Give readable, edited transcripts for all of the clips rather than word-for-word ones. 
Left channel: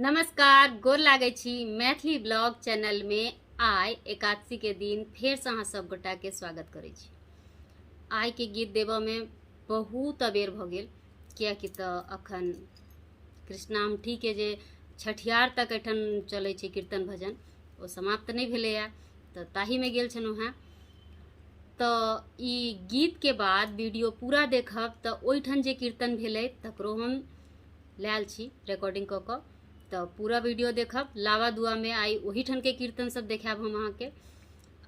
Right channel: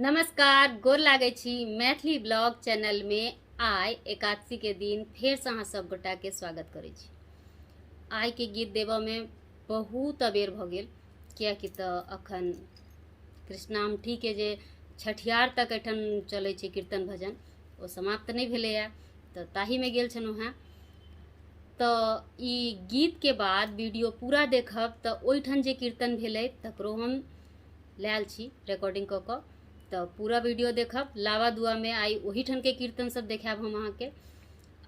नमस्कार, गोर लागे छी। मैथिली ब्लॉग चैनल में आइ एकादशी के दिन फेर से अहाँ सब गोटा के स्वागत करै छी। आइ के गीत देबऽ में बहुत अबेर भ गेल, कियाकि तऽ अखन कृष्णाष्टमी के जे छठियार तक एठन चलै छै कीर्तन भजन, ओ समाप्त नहीं भेलैया, तऽ ताही में गेल छलहुँ हेँ। तऽ ई गीत के बाद वीडियो पूरा देखब तऽ ओहिठन जे कीर्तन भेलै तकरो हम लायल छी रिकॉर्डिंग कऽ कऽ, तो पूरा वीडियो देखब। लावा दुआ में आई वही ठन के कीर्तन सब देखाब हम अहाँ के।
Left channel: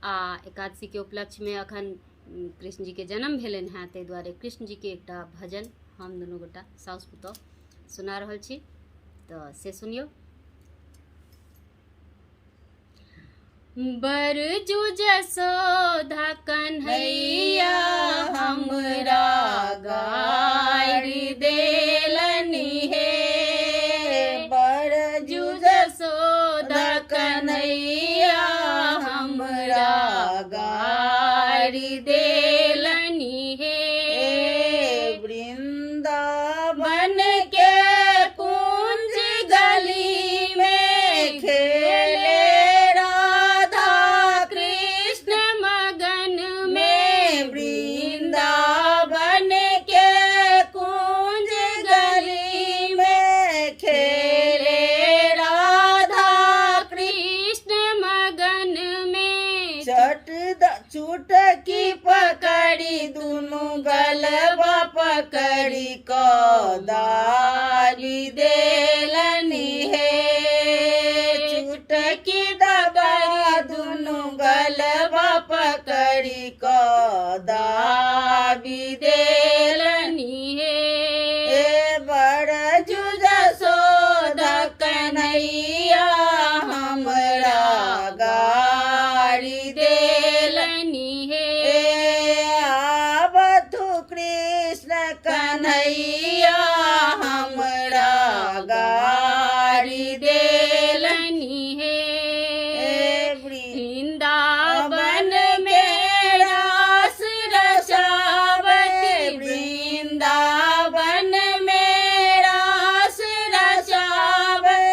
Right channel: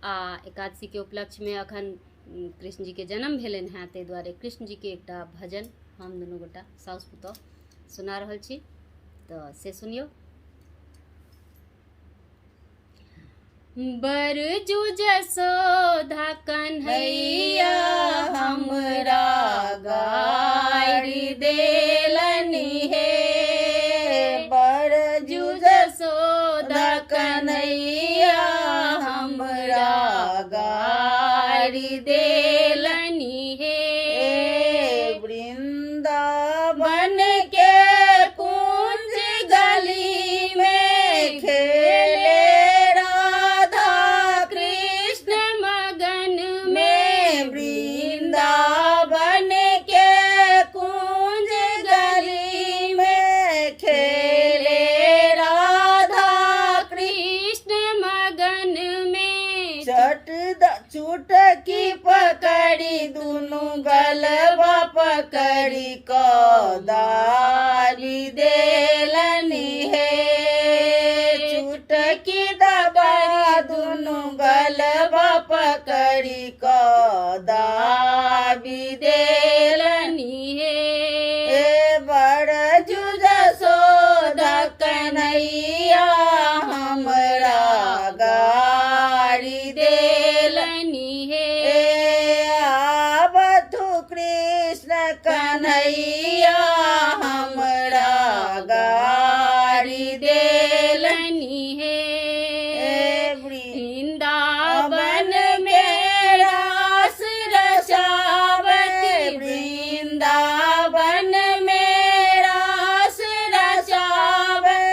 आ एकादशी के उपलक्ष्य में अखन कृष्ण जी के जन्म भेलन हैं, ताहि दुआरे कृष्ण जी के एकटा भजन हम दुनू गोटा साउस पुतौह सुना रहल छी, तो से सुनियो। बरजू जसोदा कन्हैया हमरा गारि देलनि हे, कन्हैया हमरा गारि देलनि हे। वृंदावन के कुंज गली में खेले राधा कृष्ण मगन में। वृंदावन के कुंज गली में खेले चुटकी पकड़ी दुनु गलबा पकड़ी को दारी देलनि हे। चुटकी दबा दुनु गलबा पकड़ी को दाबी देलनि हे। बरजू जसोदा कन्हैया हमरा गारि देलनि हे। आबथु कृष्ण कन्हैया हमरा गारि देलनि हे। वृंदावन में रास रचावत, वृंदावन में रास रचावे।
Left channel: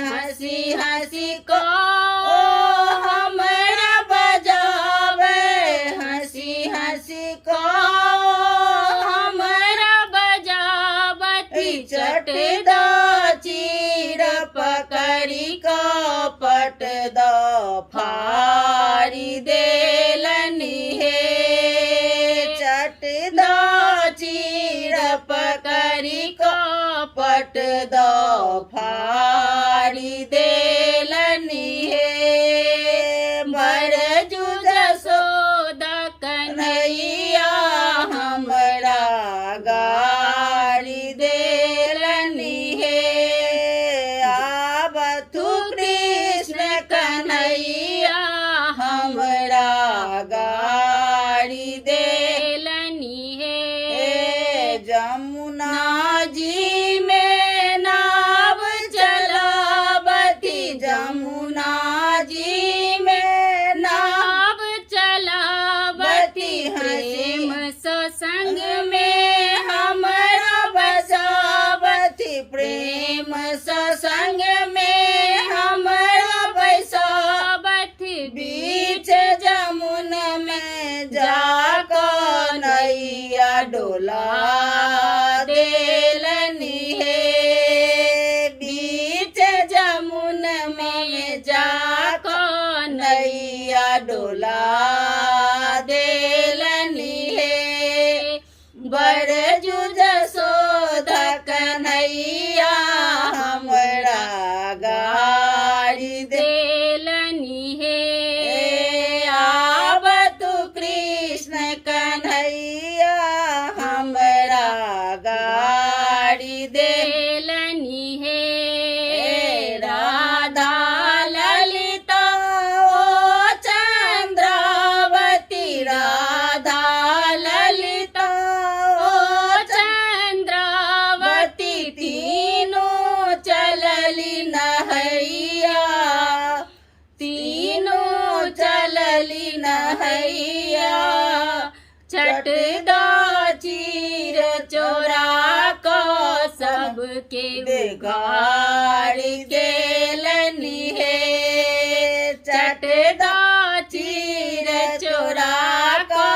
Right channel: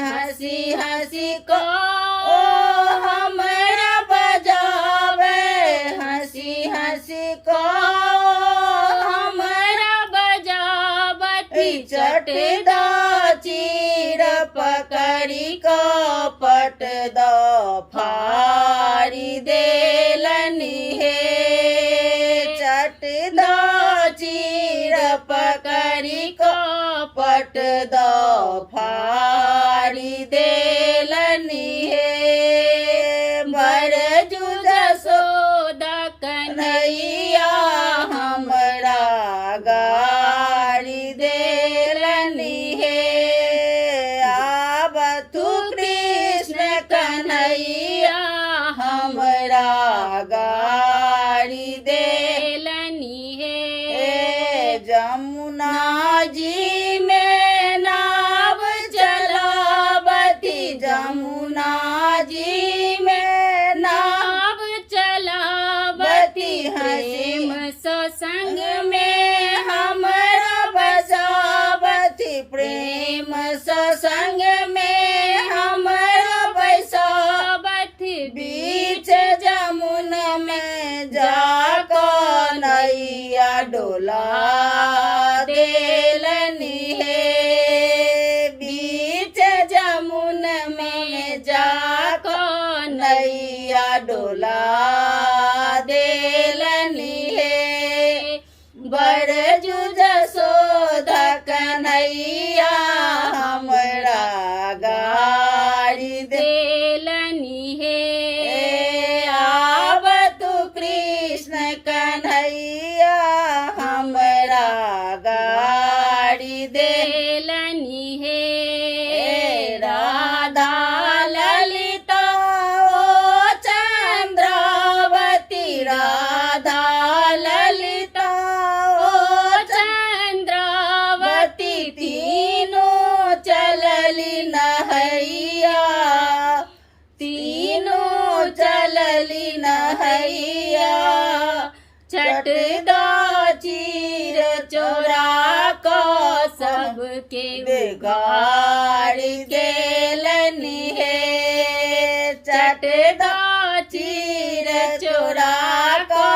हंसी हंसी को चटदा चीर पकड़ी को पट दो फारी देलनि हे। चटदा चीर पकड़ी को पट दो फारी देलनि हे। बरजू जसोदा कन्हैया हमरा गारि देलनि हे। आबथु कृष्ण कन्हैया हमरा गारि देलनि हे। जमुना जी में नाव चलावती, जमुना जी में नाव चलावती। हसीम सत्संग में हमरा बसावती, प्रेम सत्संग में हमरा बसावती। बीच जमुन में जाको नैया डोला देलनि हे। बीच जमुन में जाको नैया डोला देलनि हे। बरजू जसोदा कन्हैया हमरा गारि देलनि हे। आबतु कृष्ण कन्हैया हमरा गारि देलनि हे। राधा ललिता ओ चंद्रावती, राधा ललिता ओ चंद्रावती। तीनों चलली नहैया, तीनों चलली नहैया। चटदा चीर चोरा को सब सबके गाड़ी गेलनी है चटदा चीर चोरा का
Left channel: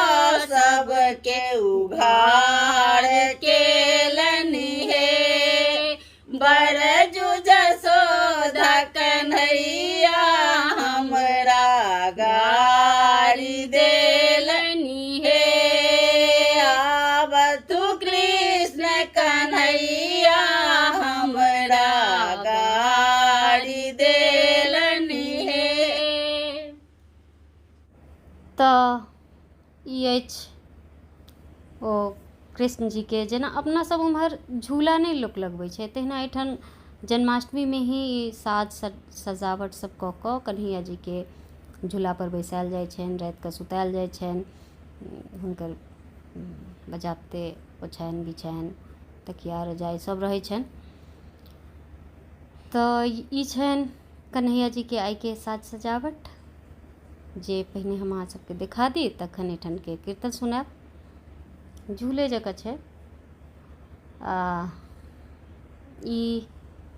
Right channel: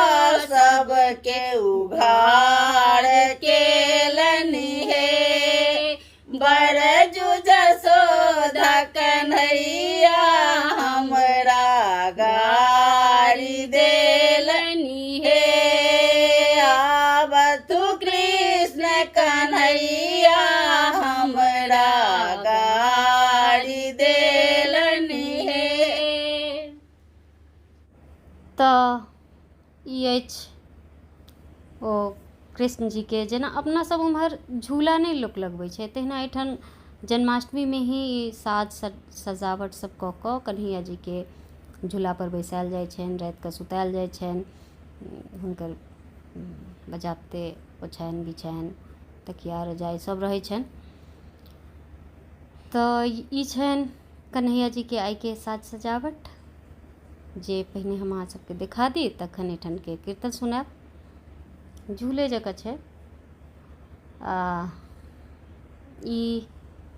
सबके उघाड़ केलनी है बरजू जसोदा कन्हैया हमरा गाड़ी देलनी है आब तू कृष्ण कन्हैया हमरा गाड़ी देलनी है। तऽ ई अछि ओ कृष्ण जी के जेना अपना सब उम्हर झूला नहीं लोक लगबै छै तहिना एहिठाम जन्माष्टमी में ही साज सजावट सब कऽ कऽ कन्हैया जी के झूला पर बैसायल जाइ छनि राति कऽ सुतायल जाइ छनि हुनकर बजाबते ओछानि बिछानि तकिया रजाई सब रहै छनि। तऽ ई छनि कन्हैया जी के आइ के साज सजावट जे पहिने हम अहाँ सबके देखा दी तखन एहिठाम के कीर्तन सुनायब। झूले जकाँ छै ई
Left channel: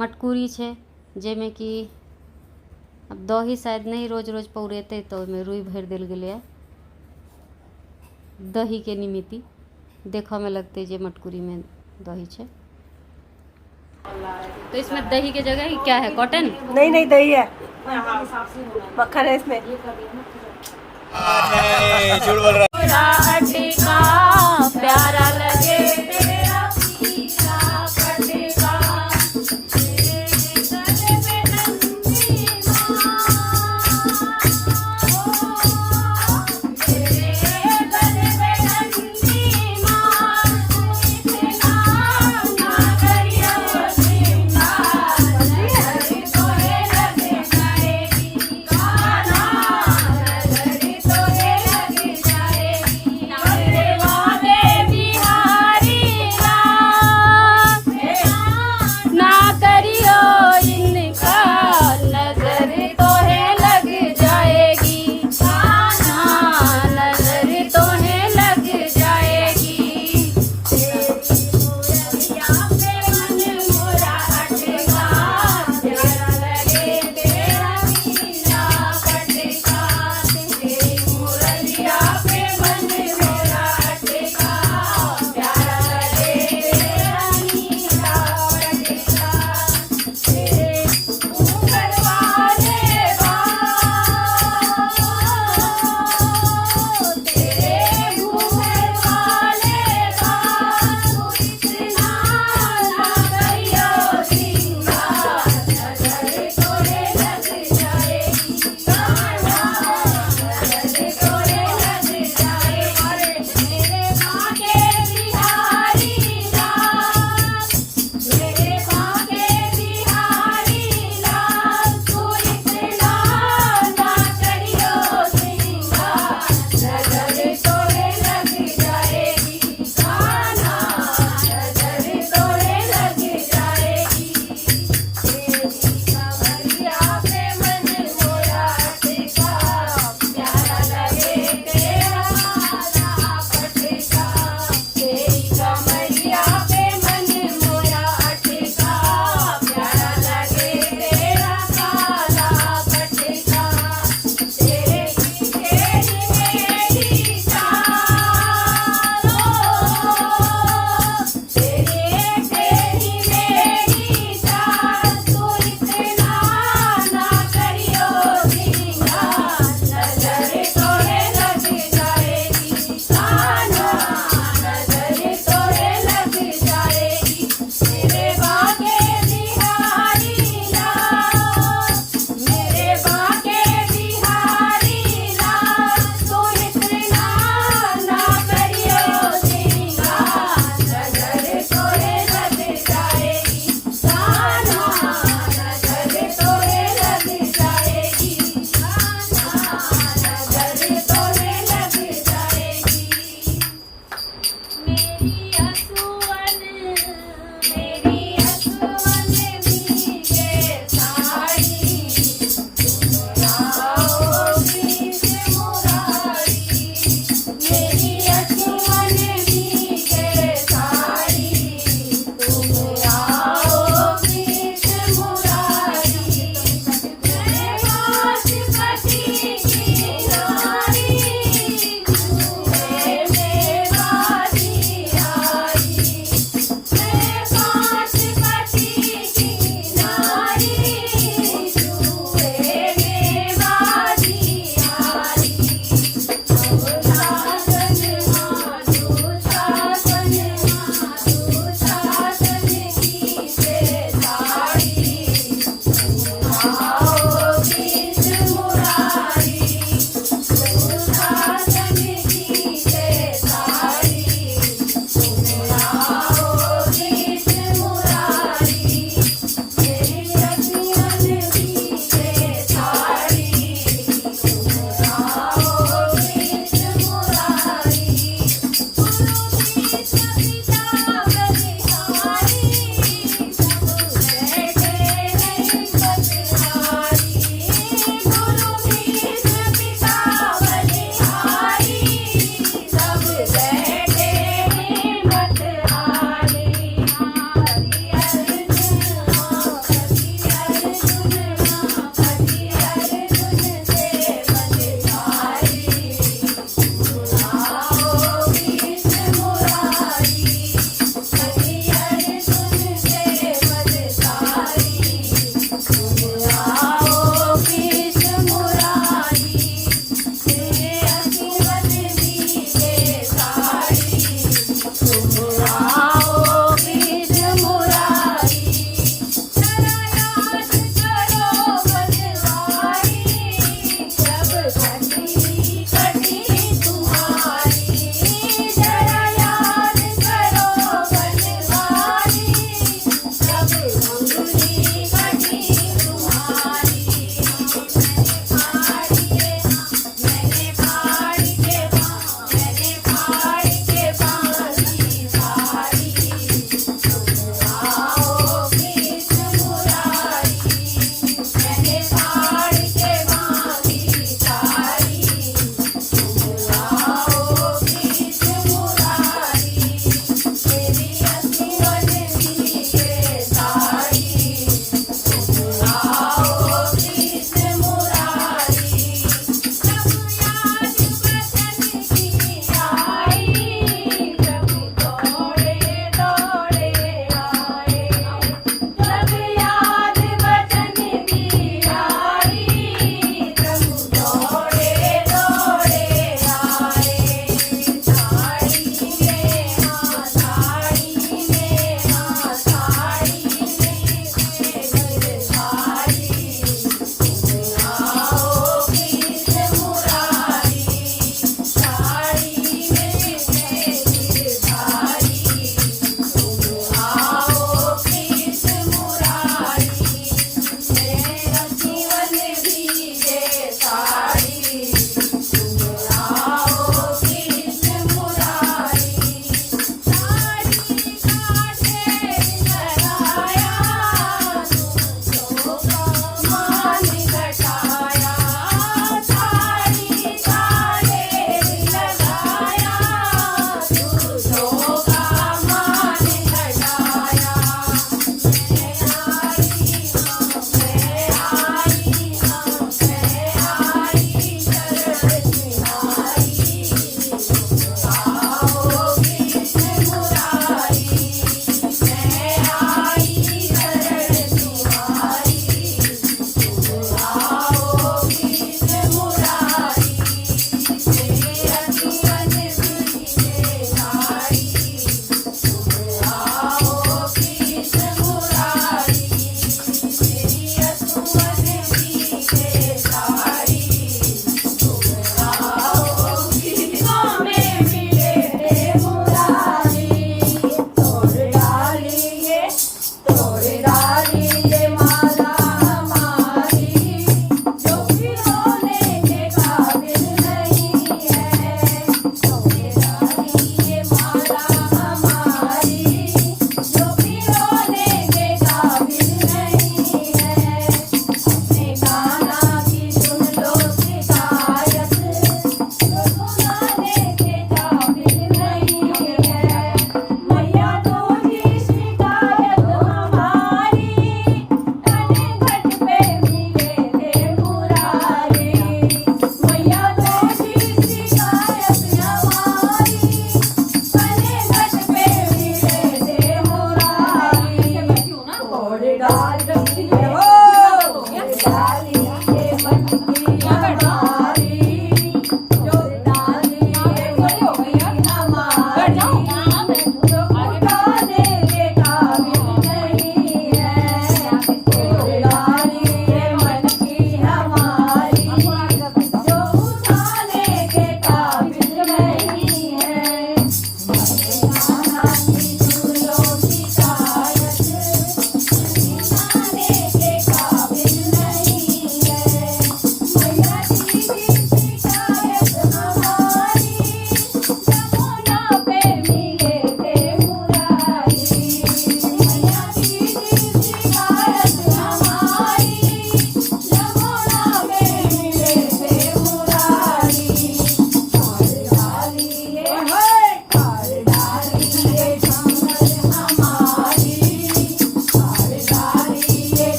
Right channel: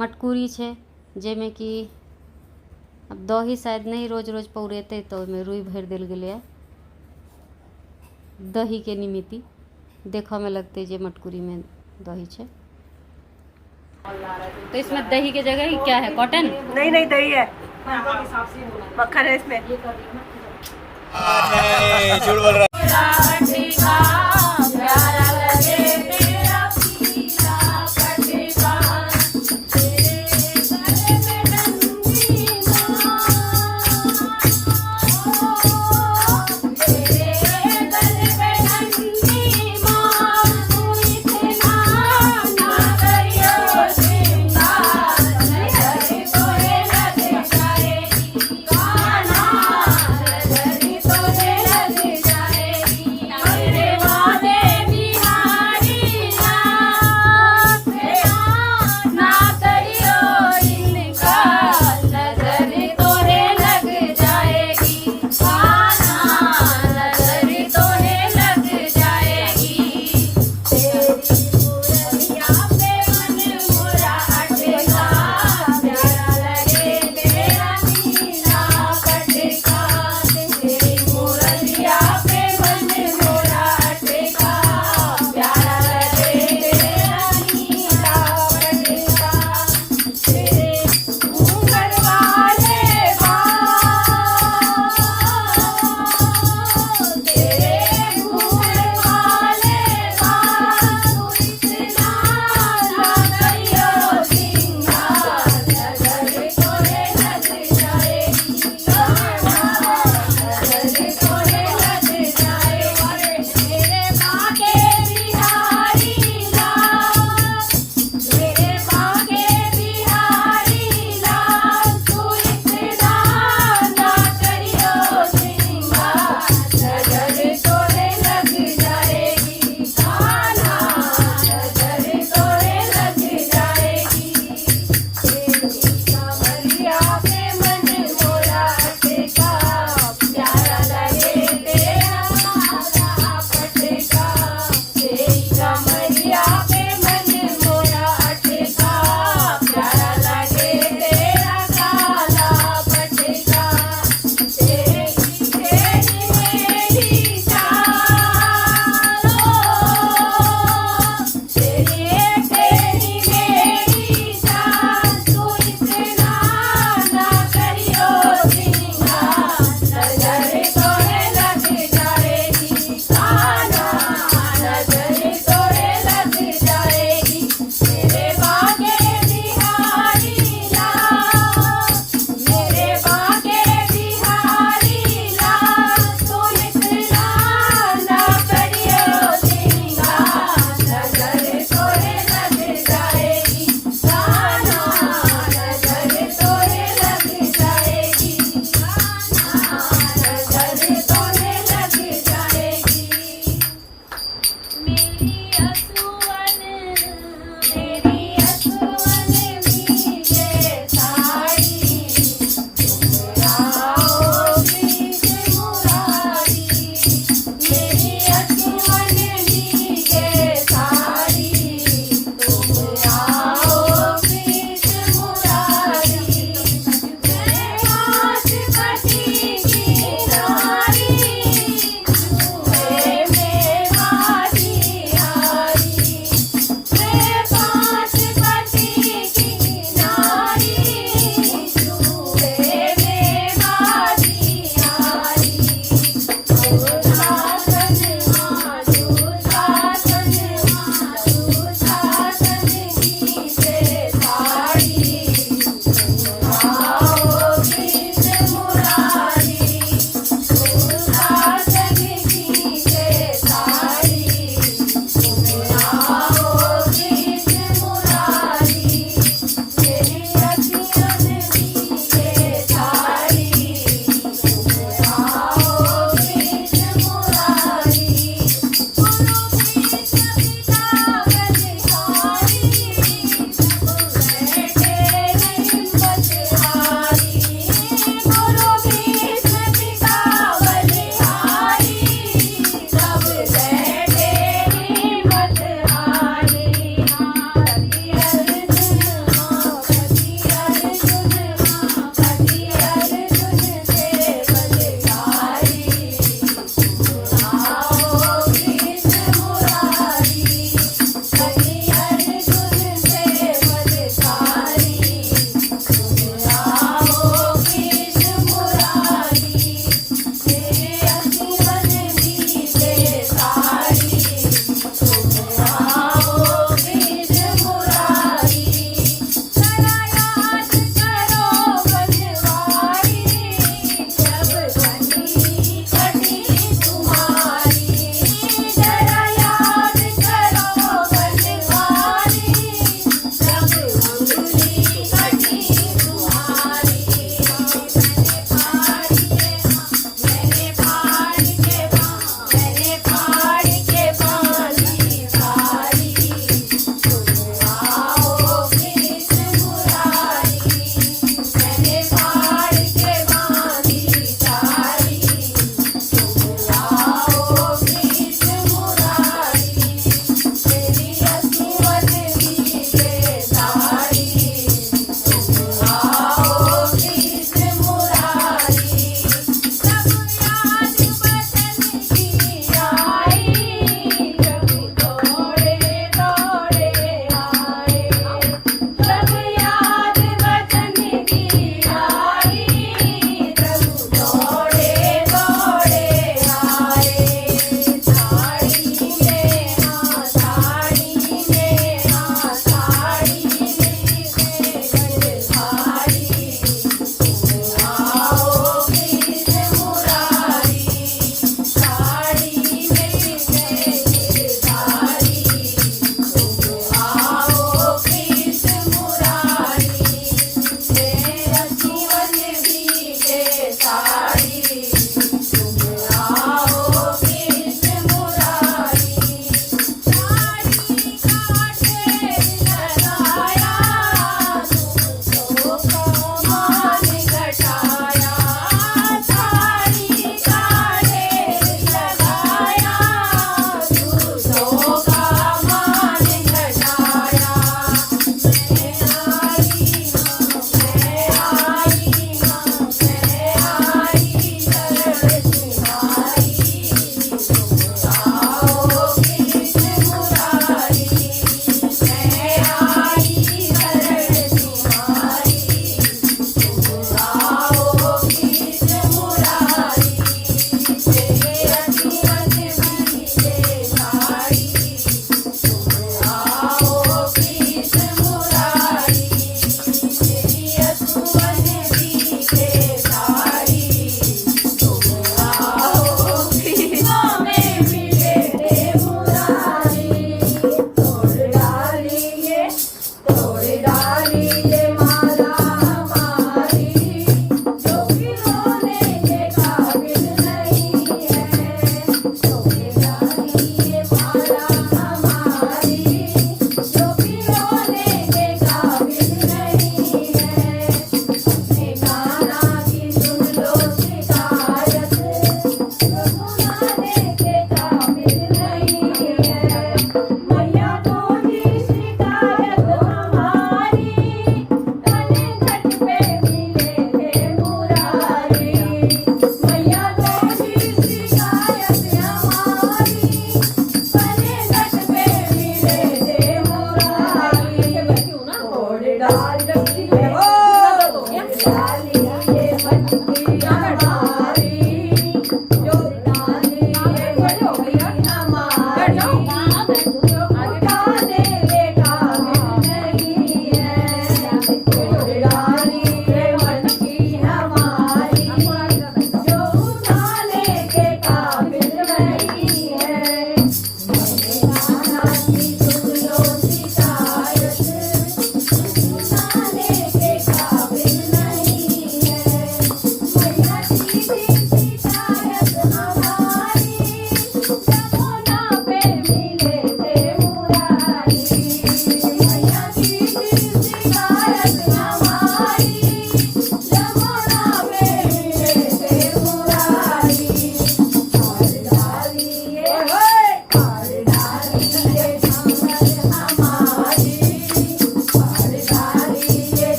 मटकुरी छै जाहिमे कि अब दही शायद नहीं रोज रोज पौरेतै तऽ ओहिमे रुई भरि देल गेलै दही के निमित्ति देखऽ में लगते जे मटकुरी में दही छै। तो इसमें दही के जगह क्या है कॉटन? नहीं नहीं दही है मक्खन है इसमें। झूठ बोल रहा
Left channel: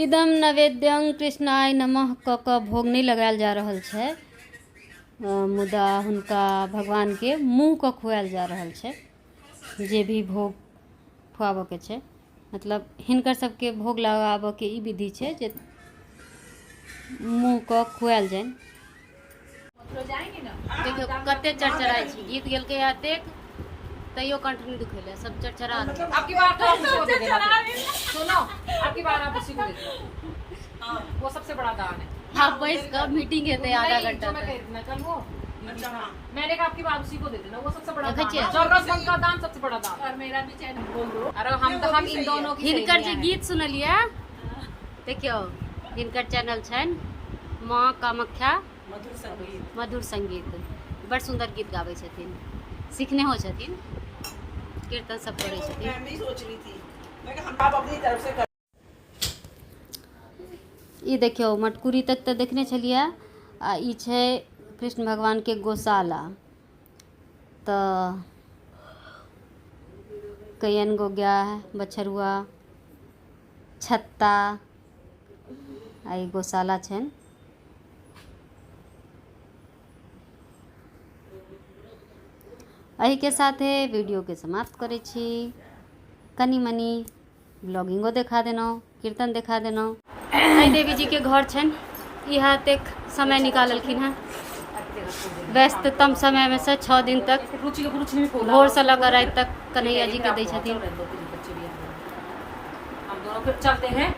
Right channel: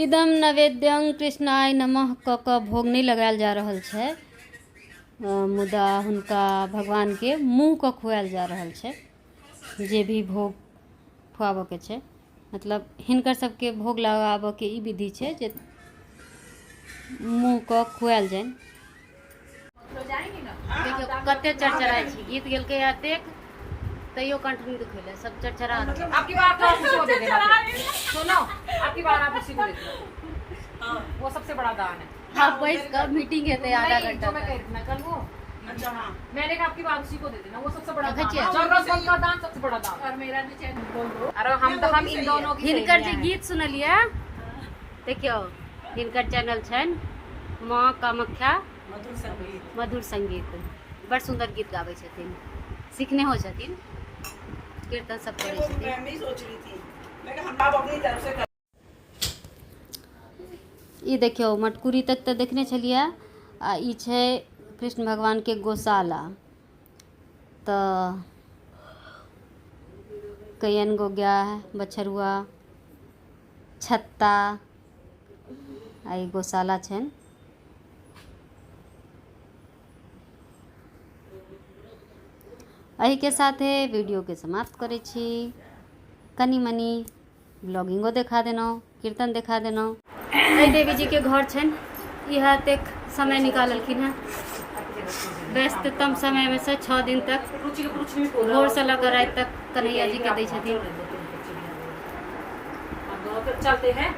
इदम नैवेद्यं कृष्णाय नमः क के भोग नहीं लगायल जा रहल छै, मुदा हुनका भगवान के मुँह के खुआयल जा रहल छै। जे भी भोग खुआबऽ के छै, मतलब हिनकर सबके भोग लगाबऽ के ई विधि छै जे मुँह के खुआयल जाइन। देखियो कते चरचराय छी, गीत गेलकै एतेक तैयो कंठ नहीं दुखेले, सब चरचरा। आपकी बार तो आप उसी को दे देना। सुनो, आपकी बार आप उसी को दे देना, वो सबसे बड़ा दान है। हाँ बैस का मीटिंग है आधा घंटा जो मैं कह रही थी ना कल वो, मैंने कहा आपकी बार उसी को दे देना, वो सबसे बड़ा दान देखिए। है। जरूरतमंद का दान सबसे बड़ा दान। और मेरा भी चैनल बोल दो। अरे हम इन दोनों की हिनकर जे सहेलियां हैं। गीत सुनलिए, देखियो हिनकर चैनल छन माँ कामाख्या मधुर संगीत, बड़ सुंदर गीत गाबै छथिन, सीखने हो छथिन, कीर्तन सब करै छथिन। ई देखियो मटकुरी तक तो देखने छलिए, आ ई छै कृष्ण भगवान के गौशाला। तो कईयन गो गाय, बछरुआ, छत्ता, आ ई गौशाला छन। एही के साथे वीडियो के समाप्त करै छी। कनी मनी ब्लॉगिंगो देखा देनौ, कीर्तन देखा देनौ। एहि देवी जी के घर छन, इह तक समय निकाललखिन हैं व्यस्ततम समय में से 6 दिन तक, भोर से लेकर रात तक कन्हैया जी के दै छथिन। हम दोनों फिर चलते हैं।